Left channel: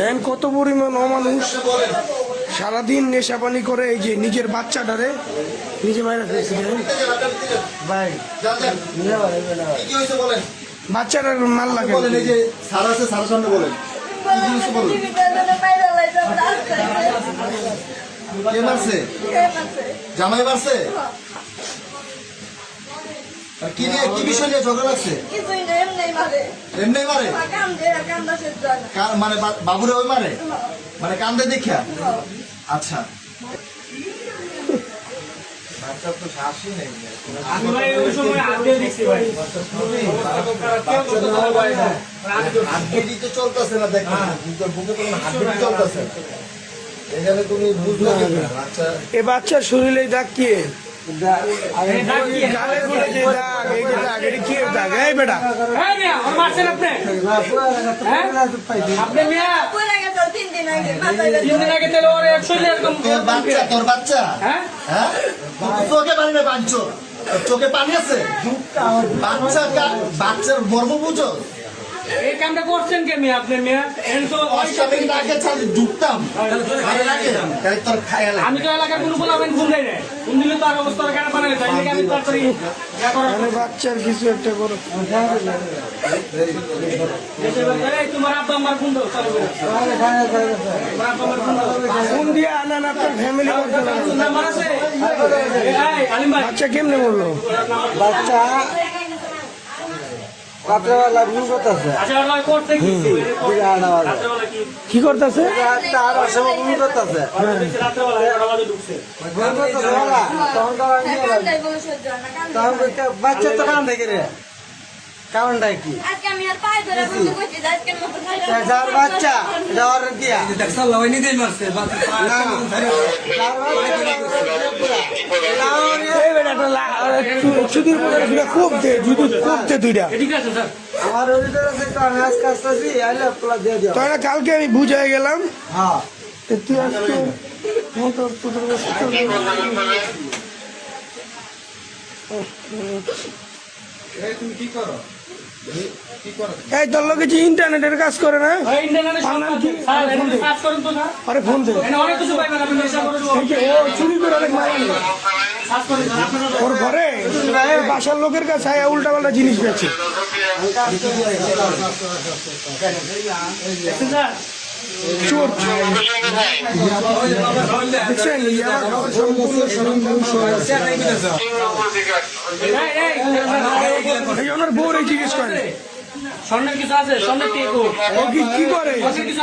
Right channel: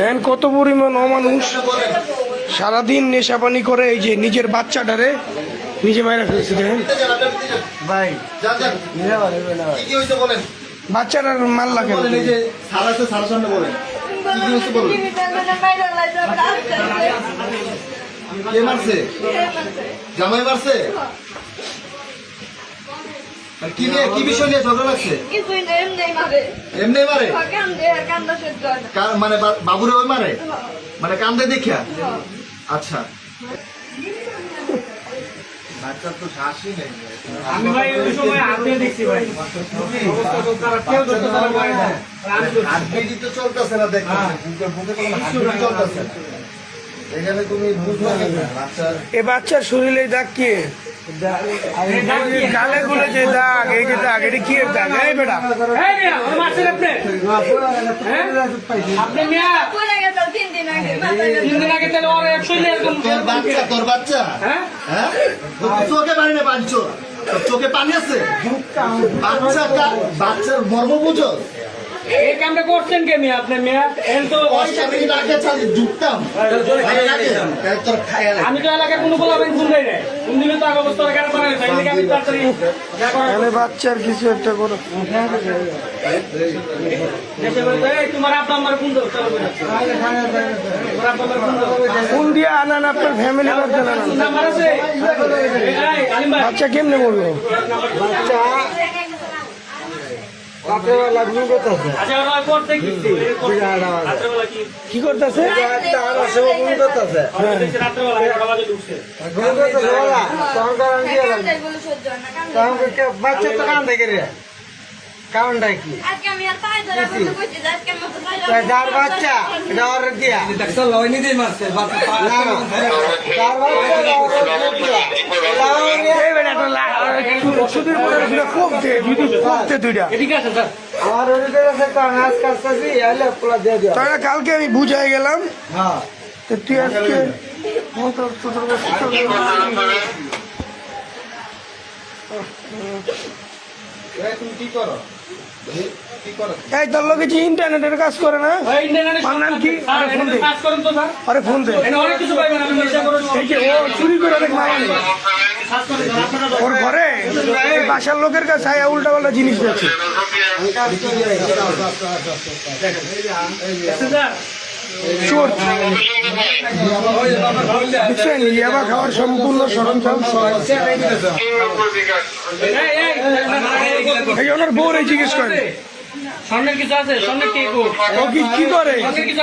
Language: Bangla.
দেন কত পরিমাণ অমানুষ সারাদিন নেশাপানি করে, এই যে নিজের বাচ্চাটারে নিজে মাইরা ফেলছে। দেখেন ভাই বাচ্চারা মাল লাগে জামাই মারছে কি নিয়ে, কি বিষয় নিয়ে ঝগড়া লাগছে? এমনি মারে মানে বাবুরে ওই মারে মানে কান্দে দেখিয়া? আচ্ছা বাচ্চা তো শ্বাসই নেই। আমি ভাই ওই সময় আগে দেখছি ভাই হাতগিরি তো চলতেছে না, দেখেন বুকে তো হাতগিরি চলতেছে না, এখানে তুমি বুঝলে না বাচ্চা। এ বাচ্চার শরীরে দাগ কি? গালে গুলে যে দাগ, এই যে দাগ, এটা কি এর দাগ? এই বেটা আপনি মিয়া তিন দিন আগে তাহলে ওর শরীরে এরকম তোর বাচ্চা, তোর বাচ্চা হ্যাঁ চোখে পানি না পাঞ্চর, চোখে পানি আছে বাচ্চা, বাচ্চার মর্ম বুঝো? এই কামটা করছেন কে মিয়া? আপনি মিয়া ঢুকতাম আমি তো এলাকায় কোনো বলাবেন ফোন দেয় না, ফোন দিলে তো আগে অবস্থা কারণ বানায় আমি তাড়াতাড়ি মানে বাচ্চার কিছু একটা করো। তোমার আব্বা আমার ফোন দাও, ফোন দিয়ে আনান আপনার ফ্যামিলি বাচ্চা না। নাম্বার আছে? বাচ্চা কেমনে বললো? বাচ্চা রাত্রেবেলা ঘুম করতেছে, কি করতেছে? তার সময় ঘুম করতেছে, ঘুম করতেছে বলা তখন বাচ্চা তো কান দেখে রে কারণটা কি? যার বাচ্চা এটা অর্ডার দিয়া আমার কালকে আমি বুঝাই গেলাম। হ্যাঁ তুই আজকে তুমি কি করো? এই তোর লোক কিছু ইন্টারনেটের কাজ করে না? নাম কি? আরে ফোন দে। এই যে ও চুরি করে অনেক মারা নেই ওর ঘরে, এই বাসার লোকের কাছে উল্টা পাল্টা জিনিস করছে। চোর দেখছেন, ইয়াবা খাওয়ার সম্পূর্ণ সরঞ্জাম ওনার বউরে জিজ্ঞেস করে স্বর্ণের কিছু আছে? স্বর্ণের কে ও কি করে?